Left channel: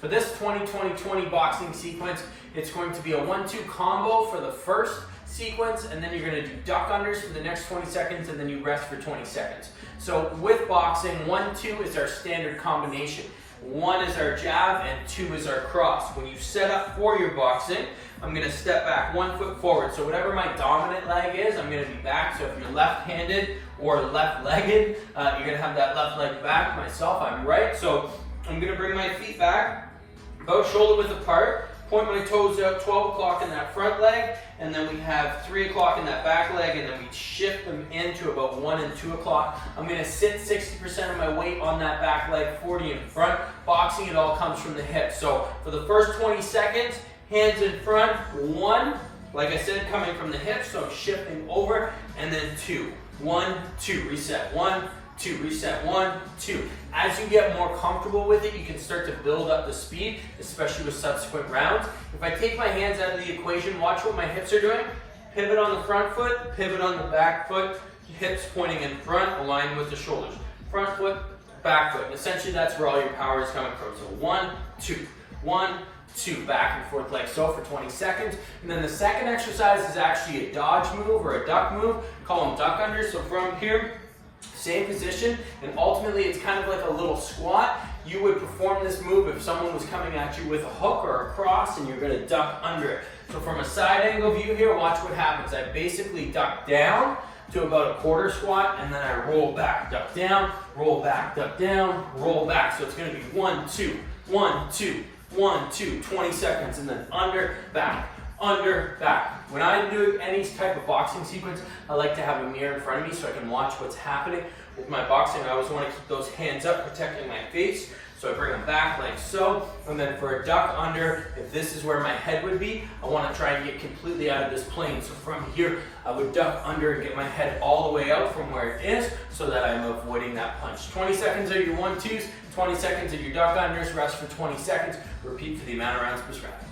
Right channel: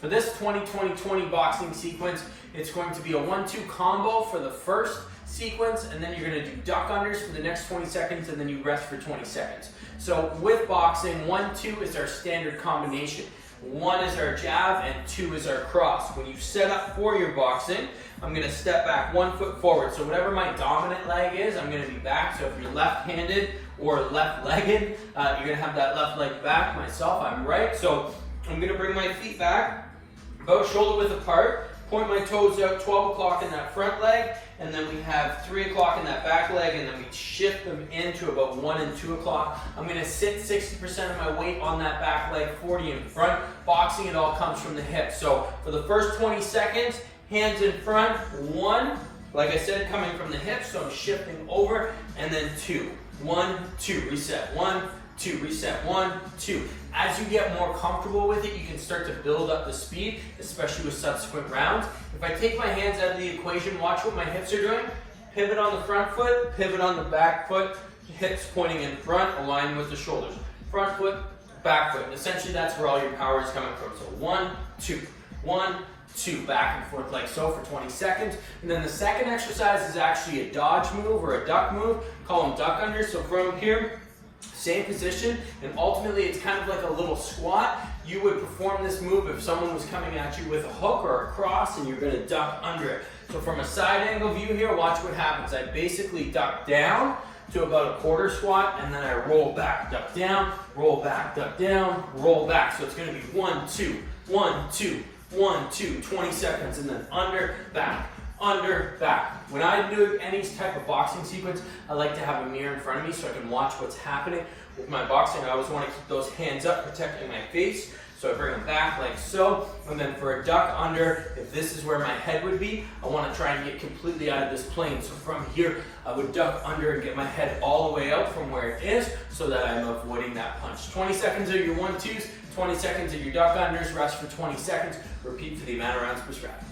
For this 20-20-20 boxing sequence, it's going to be a 1-2 combo for the first sequence, and then you're going to do duck unders for the next 20 seconds, and then you rest for 20 seconds. So with boxing, 1-2 is our standard combination. 1 is our jab and 2 is our cross. When you set up for your boxing, I'm going to step back 1 foot forward. So whatever my dominant leg is, I'm going to be back. So if you're left-handed or left-legged, you're going to have that left leg back. Myself, I'm right. So I'm going to bring my feet back, about shoulder width apart, point my toes out 12 o'clock in that front leg, and then we have 3 o'clock in that back leg, and then we shift them into about 1 and 2 o'clock. I'm going to sit 60% of my weight on that back leg, 40 in front. Boxing, it all comes from the hips. So for the first 20 seconds, hands in front, 1, like I said, coming from the hips, so I'm shifting over, and then 2. 1, 2, reset, 1, 2, reset, 1, 2. As you get more comfortable with it, you can start to build up the speed, especially with subsequent rounds. If I take my hands out of the equation, watch what my hips are doing. Pivot on the front foot, pivot on the back foot, hips pointing in front, aligned with the shoulders. Front foot, back foot. And essentially that's where all your power is coming from. So 1, 2, 1, 2, back and forth like so for 20 seconds. And then the second exercise is actually a dodge move or a duck move. Call them duck unders. So from here, same position, and ultimately it's kind of like a little squat. You would perform this move if someone was coming at you with a hook or a cross and you're going to duck under it. So from a side angle view here, watch what happens. I basically duck down to about a quarter squat, and then I roll back, duck down, roll back, duck down, roll back. So it's going to be 1, 2, 1, 2, 1, 2, 20 seconds, and then under, back, under, back. When I do any type of boxing sequence, I like to have a mirror in front of me so I can watch what's happening. With my boxing, I always want to keep those hands up, protecting my face. So I bring them back like so. And then for a duck under, if this is where my head would be, I want to try and get completely out of this plane. So from here, I would duck under and get my head all the way out from where it is so that I'm avoiding that punch. 20 seconds of your 1-2s, 20 seconds of your duck unders, rest for 20 seconds. Repeat for the amount of rounds prescribed.